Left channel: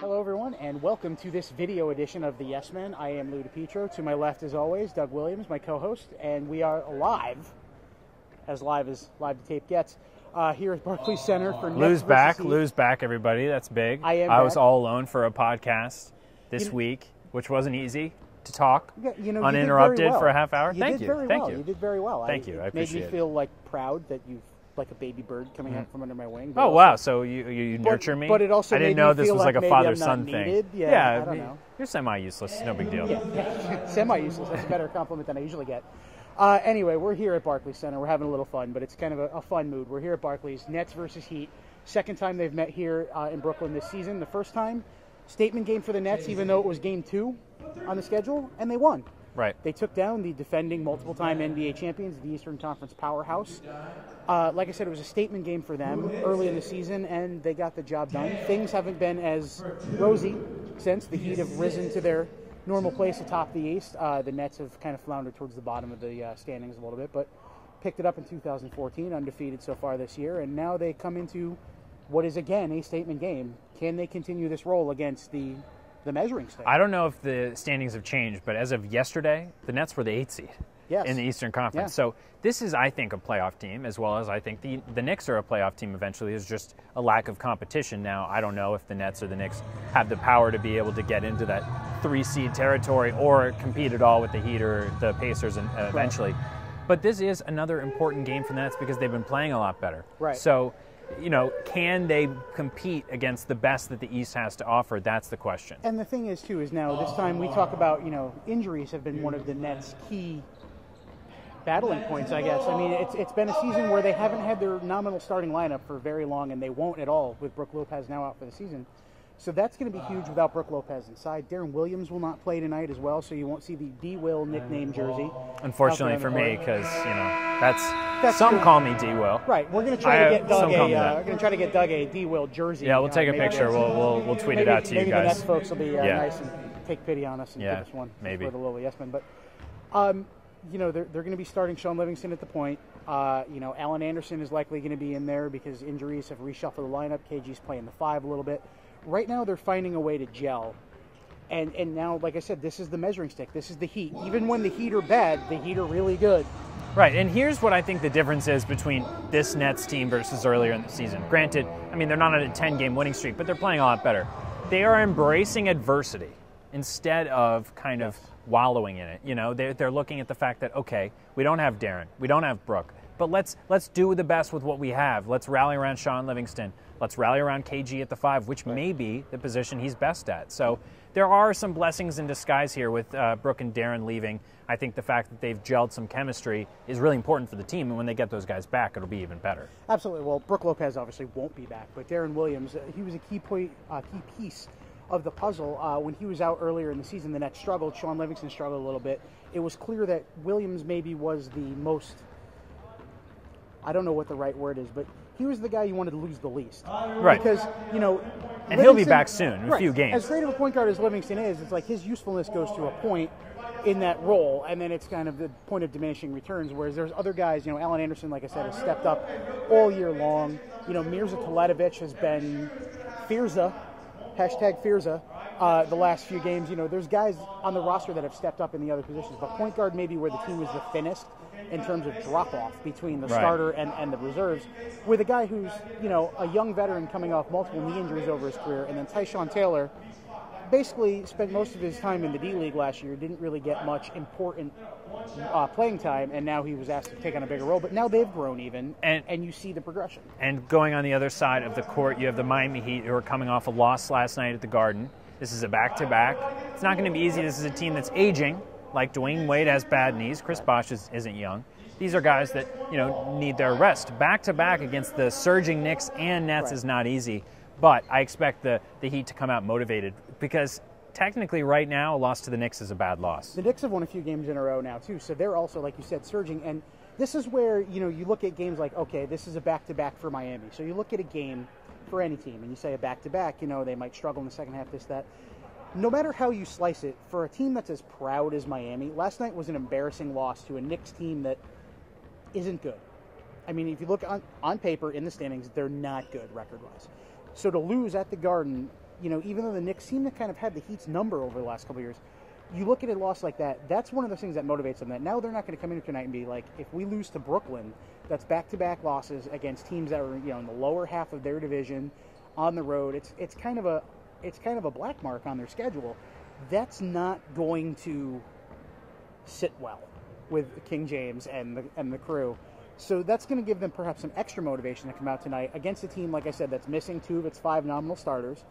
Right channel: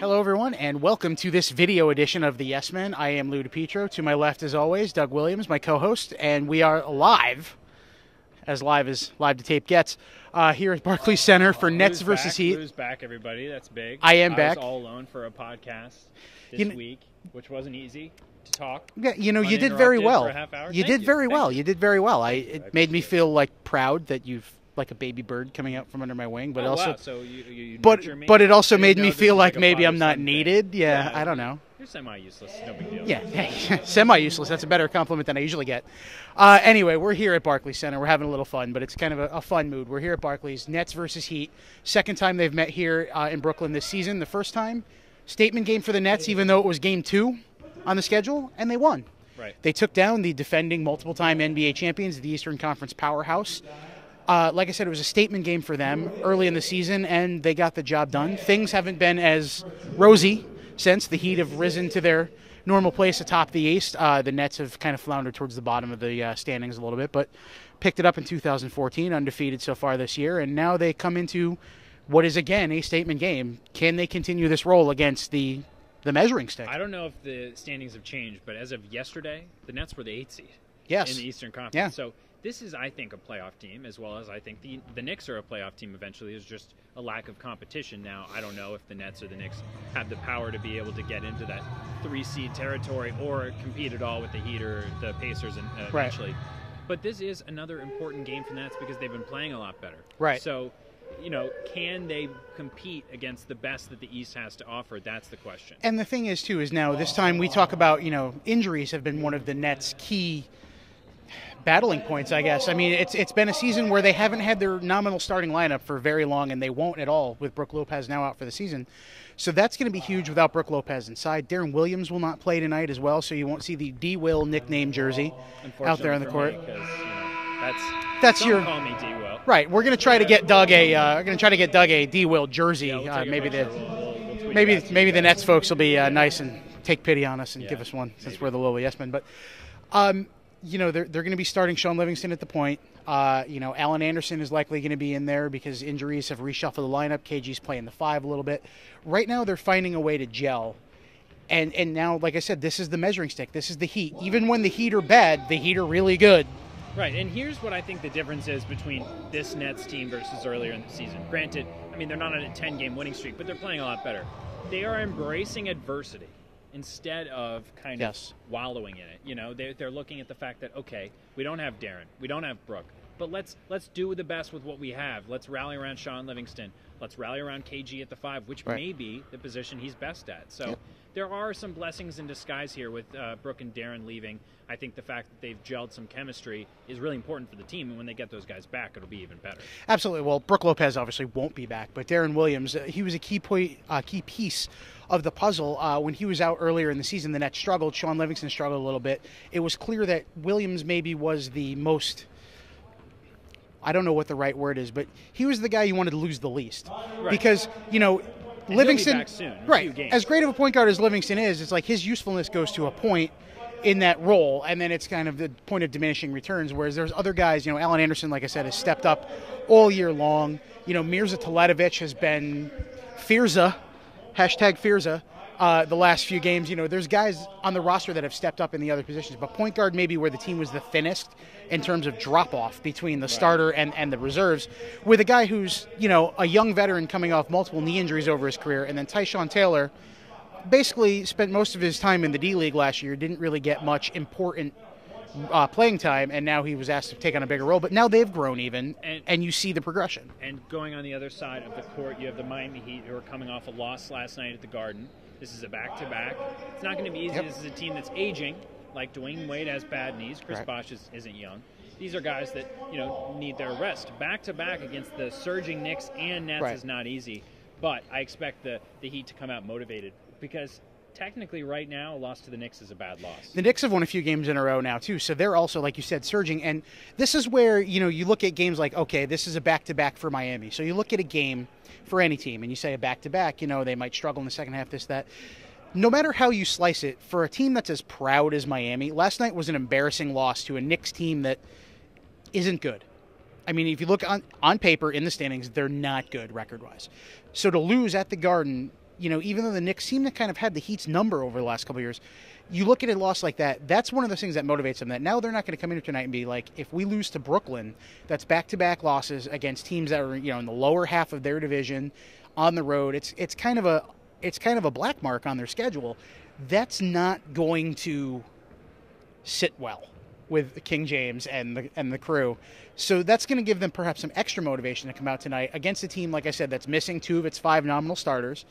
Hello, everyone, and welcome to this video edition of the Yes Men. I am Lou DiPietro. To my left, as always, Doug Williams, my co-host, and we are live as live to tape gets, here at Barclays Center for Nets versus Heat. Lou's back, everybody. That's big. I am back. I was all alone for a podcast this week, which wasn't easy to talk. Yeah, you did very well. For a half hour. You did very well. You did very well. It made me feel proud that you've like a baby bird coming out from under my wing. But oh, wow. So you nurture me? But it also made me feel like a maybe I'm not father-son needed. thing. Yeah, I don't know. You're semi-useless. No big deal. Yeah, semi-useless. That's a better compliment than I usually get. Anyway, we're here at Barclays Center. We're having a little fun, but it's kind of a fun mood. We're here at Barclays, Nets versus Heat. Second time they've met here in Brooklyn this season. The first time, statement game for the Nets, even though it was game 2 on the schedule, and they won. Right. They took down the defending multiple-time NBA champions, the Eastern Conference powerhouse. Like I said, it was a statement game for them early in the season, and they got the job done. Things haven't been as rosy since. The Heat have risen to their normal place atop the East. The Nets have kind of floundered towards the bottom of the standings a little bit, but picked it up in 2014, undefeated so far this year, and now they come into what is, again, a statement game. Can they continue this role against the measuring stick? I don't know if the standings have changed, but as of yesterday, the Nets were the 8th seed in the Eastern Conference. Yeah. So this is, I think, a playoff team, as well as I think the Knicks are a playoff team eventually. There's just a lack of competition now. I don't know if the Nets or the Knicks have the power to be able to get into that 3-seed territory or compete at all with the Heat or the Pacers eventually. Right. But this is another important game for the Nets because they've been playing a lot better. Right. So, can they compete against the best that the East has to offer? That's the question. And the thing is, too, is now this time we talk about, injuries have been one of the Nets' key battling points, I guess. I mean, it's been a season where they haven't had their nominal starting lineup for very long, and they won't at all with Brook Lopez now out for the season. So that's going to be huge without Brook Lopez inside. Deron Williams will not play tonight as well, so you won't see the D-Will nickname jersey. Unfortunately for me, because that's some call me D-Will. Right. We're going to try to get Doug a D-Will jersey. Yeah, we'll take a picture. We'll tweet it out to you Maybe guys. the Nets folks will be nice and take pity on us and give us one since we're the little yes men. But they're going to be starting Sean Livingston at the point. Alan Anderson is likely going to be in there because injuries have reshuffled the lineup. KG's playing the 5 a little bit. Right now, they're finding a way to gel. And now, like I said, this is the measuring stick. This is the Heat. Even when the Heat are bad, the Heat are really good. Right, and here's what I think the difference is between this Nets team versus earlier in the season. Granted, they're not on a 10-game winning streak, but they're playing a lot better. They are embracing adversity instead of kind of wallowing in it. They're looking at the fact that, okay, we don't have Deron, we don't have Brook, but let's do the best with what we have. Let's rally around Sean Livingston. Let's rally around KG at the 5, which may be the position he's best at. So there are some blessings in disguise here with Brook and Deron leaving. I think the fact that they've gelled some chemistry is really important for the team, and when they get those guys back, it'll be even better. Absolutely. Well, Brook Lopez obviously won't be back, but Deron Williams, he was a key piece of the puzzle. When he was out earlier in the season, the Nets struggled. Sean Livingston struggled a little bit. It was clear that Williams maybe was the most, I don't know what the right word is, but he was the guy you wanted to lose the least. Right. Because, and Livingston, he'll be back soon in a few games. As great of a point guard as Livingston is, it's like his usefulness goes to a point in that role, and then it's kind of the point of diminishing returns, whereas there's other guys, Alan Anderson, like I said, has stepped up all year long. Mirza Teletovic has been Firza, #Firza, the last few games. There's guys on the roster that have stepped up in the other positions, but point guard maybe where the team was the thinnest in terms of drop-off between the starter and the reserves, with a guy who's, a young veteran coming off multiple knee injuries over his career, and then Tyshawn Taylor basically spent most of his time in the D-League last year, didn't really get much important playing time, and now he was asked to take on a bigger role. But now they've grown even, and you see the progression. And going on the other side of the court, you have the Miami Heat, who are coming off a loss last night at the Garden. This is a back-to-back. It's not going to be easy. This is a team that's aging. Like Dwayne Wade has bad knees. Chris Bosh isn't young. These are guys that need their rest. Back-to-back against the surging Knicks and Nets is not easy. But I expect the Heat to come out motivated because technically right now a loss to the Knicks is a bad loss. The Knicks have won a few games in a row now too, so they're also, like you said, surging. And this is where you look at games like, okay, this is a back-to-back for Miami. So you look at a game for any team and you say a back-to-back, they might struggle in the second half, this, that. No matter how you slice it, for a team that's as proud as Miami, last night was an embarrassing loss to a Knicks team that isn't good. I mean, if you look on paper in the standings, they're not good record-wise. So to lose at the Garden even though the Knicks seem to kind of have the Heat's number over the last couple of years, you look at a loss like that, that's one of those things that motivates them, that now they're not going to come in here tonight and be like, if we lose to Brooklyn, that's back-to-back losses against teams that are, in the lower half of their division on the road. It's kind of a black mark on their schedule. That's not going to sit well with King James and the crew. So that's going to give them perhaps some extra motivation to come out tonight against a team, like I said, that's missing 2 of its 5 nominal starters.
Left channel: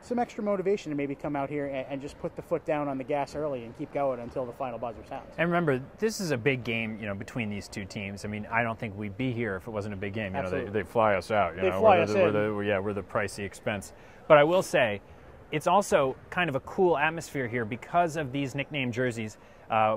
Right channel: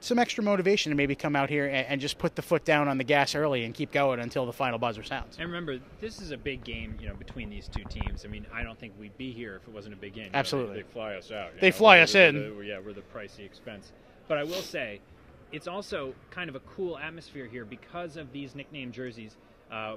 Some extra motivation to maybe come out here and just put the foot down on the gas early and keep going until the final buzzer sounds. And remember, this is a big game, between these two teams. I mean, I don't think we'd be here if it wasn't a big game. Absolutely. They fly us out. They fly us in. We're the pricey expense. But I will say, it's also kind of a cool atmosphere here because of these nickname jerseys.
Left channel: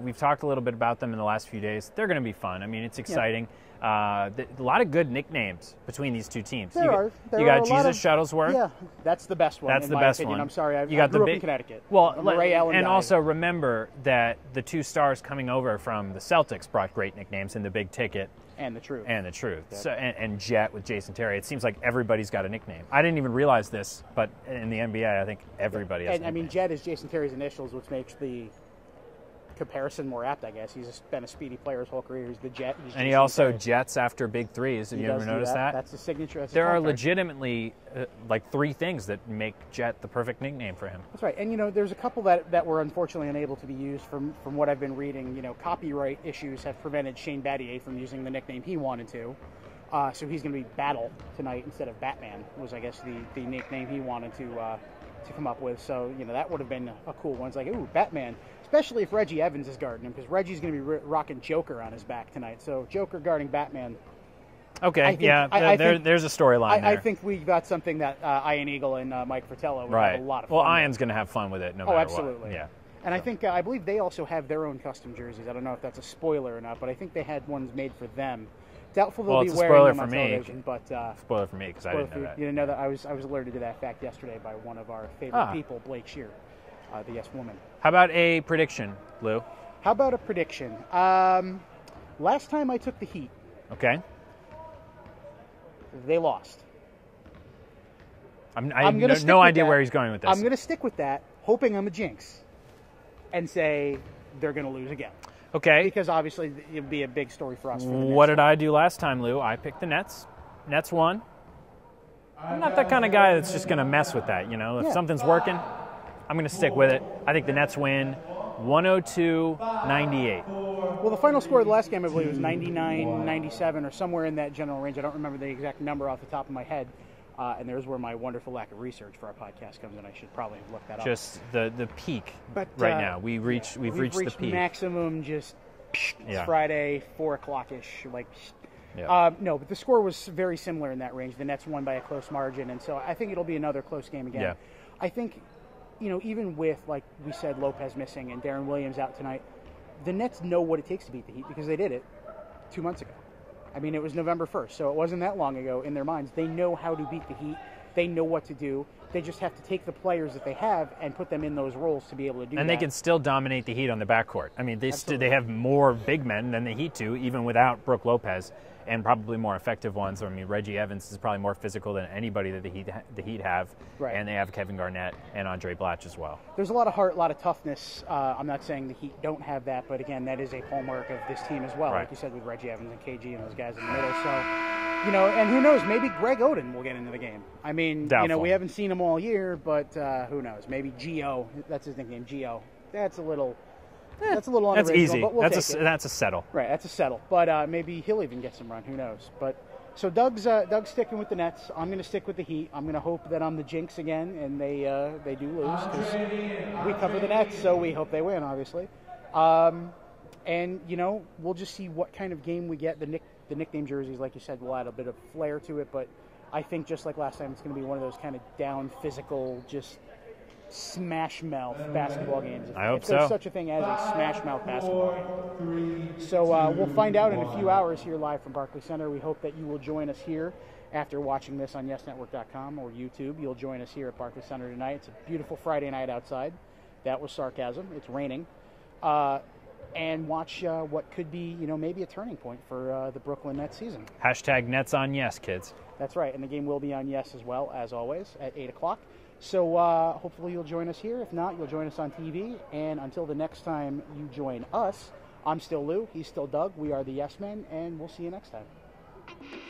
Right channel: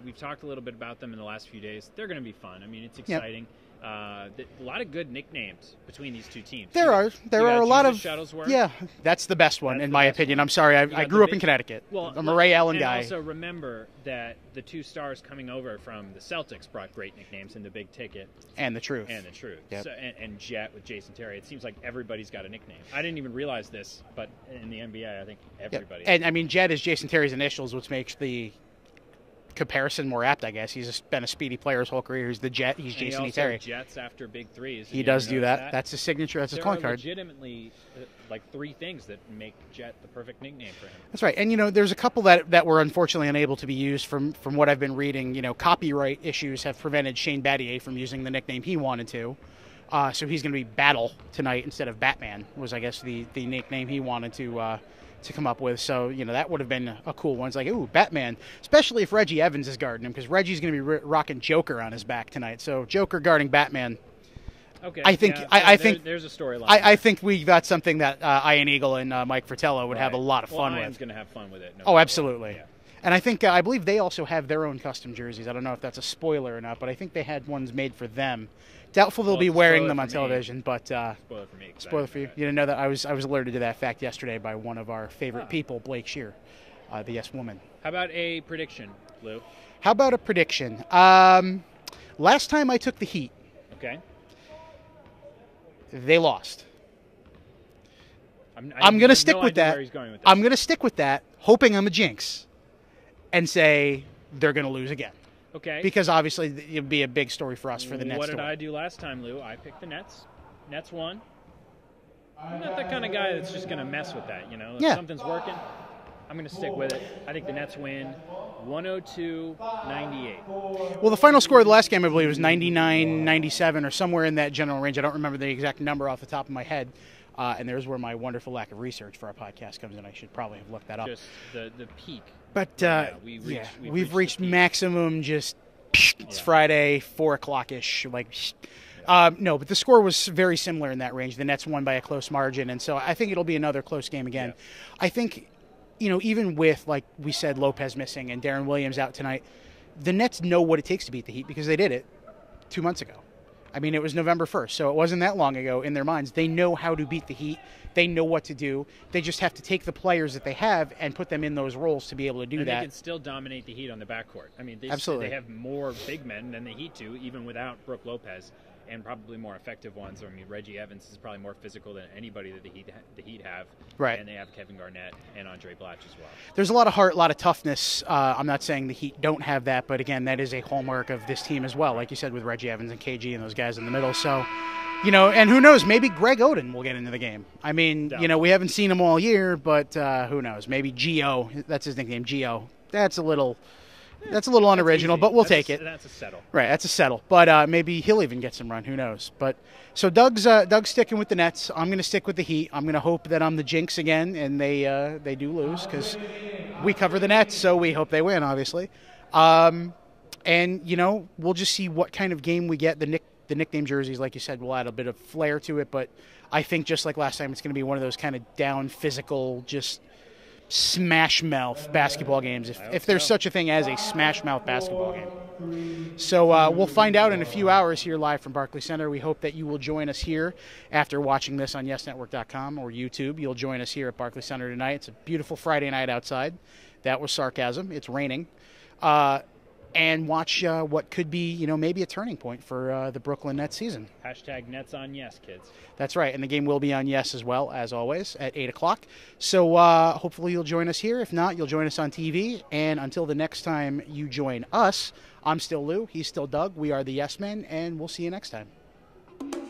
We've talked a little bit about them in the last few days. They're going to be fun. I mean, it's exciting. Yeah. A lot of good nicknames between these two teams. There are a lot of Shuttlesworth. Yeah, that's the best one in my opinion. I'm sorry, I grew up in Connecticut. Well, I'm a Ray Allen guy. And also remember that the 2 stars coming over from the Celtics brought great nicknames in the Big Ticket and the Truth. Yeah. So, and Jet with Jason Terry. It seems like everybody's got a nickname. I didn't even realize this, but in the NBA, I think everybody. And I mean, Jet is Jason Terry's initials, which makes the comparison more apt, I guess. He's been a speedy player his whole career. He's the Jet. He's and he also jets after big threes. He does do that. That's his signature. That's there are legitimately like 3 things that make Jet the perfect nickname for him. That's right. And there's a couple that were unfortunately unable to be used from what I've been reading. Copyright issues have prevented Shane Battier from using the nickname he wanted to. So he's going to be Battle tonight instead of Batman. Was I guess the nickname he wanted to come up with. So, that would have been a cool one. It's like, ooh, Batman, especially if Reggie Evans is guarding him, because Reggie's going to be rocking Joker on his back tonight. So Joker guarding Batman. Okay, I think there's a storyline. I think we got something that Ian Eagle and Mike Fratello would have a lot of fun with. Well, Ian's going to have fun with it. Absolutely. Yeah. And I believe they also have their own custom jerseys. I don't know if that's a spoiler or not, but I think they had ones made for them. Doubtful they'll be wearing them on television, but spoiler for me. Spoiler for you. You didn't know that I was alerted to that fact yesterday by one of our favorite people, Blake Shear, the Yes Woman. How about a prediction, Lou? How about a prediction? Last time I took the Heat, okay, they lost. I'm going to stick with that. No idea where he's going with this. I'm going to stick with that, hoping I'm a jinx, and say they're going to lose again. Okay. Because obviously it would be a big story for us for the Nets. What did I do last time, Lou? I picked the Nets. Nets won. I'm not that kind of guy that's just going to mess with that, If something's working, I'm going to stick with it. I think the Nets win 102-98. Well, the final score of the last game, I believe, was 99-97 or somewhere in that general range. I don't remember the exact number off the top of my head. And there's where my wonderful lack of research for our podcast comes in. I should probably have looked that up. Just the peak. But right now, we've reached the peak. Maximum. Just it's Friday, 4:00-ish. No, but the score was very similar in that range. The Nets won by a close margin, and so I think it'll be another close game again. Yeah. I think, even with, like we said, Lopez missing and Darren Williams out tonight, the Nets know what it takes to beat the Heat because they did it 2 months ago. I mean, it was November 1st, so it wasn't that long ago in their minds. They know how to beat the Heat. They know what to do. They just have to take the players that they have and put them in those roles to be able to do that. And they can still dominate the Heat on the backcourt. I mean, they have more big men than the Heat do, even without Brook Lopez, and probably more effective ones. I mean, Reggie Evans is probably more physical than anybody that the Heat have. Right. And they have Kevin Garnett and Andre Blatch as well. There's a lot of heart, a lot of toughness. I'm not saying the Heat don't have that, but again, that is a hallmark of this team as well, like you said, with Reggie Evans and KG and those guys in the middle. So, and who knows, maybe Greg Oden will get into the game. I mean, doubtful. We haven't seen him all year, but who knows? Maybe Gio, that's his nickname, Gio. That's a little unoriginal, but we'll take it. That's a settle. Right, that's a settle. But maybe he'll even get some run. Who knows? But so Doug's sticking with the Nets. I'm going to stick with the Heat. I'm going to hope that I'm the jinx again, and they do lose because we cover the Nets, so we hope they win, obviously. And we'll just see what kind of game we get. The nickname jerseys, like you said, will add a bit of flair to it. But I think just like last time, it's going to be one of those kind of down physical, just smash mouth basketball games, if there's such a thing as a smash mouth basketball game. So we'll find out in a few hours here live from Barclays Center. We hope that you will join us here after watching this on YesNetwork.com or YouTube. You'll join us here at Barclays Center tonight. It's a beautiful Friday night outside. That was sarcasm. It's raining. and watch what could be, maybe a turning point for the Brooklyn Nets season. Hashtag Nets on Yes, kids. That's right, and the game will be on Yes as well, as always, at 8 o'clock. So hopefully you'll join us here. If not, you'll join us on TV. And until the next time you join us, I'm still Lou, he's still Doug. We are the Yes Men, and we'll see you next time.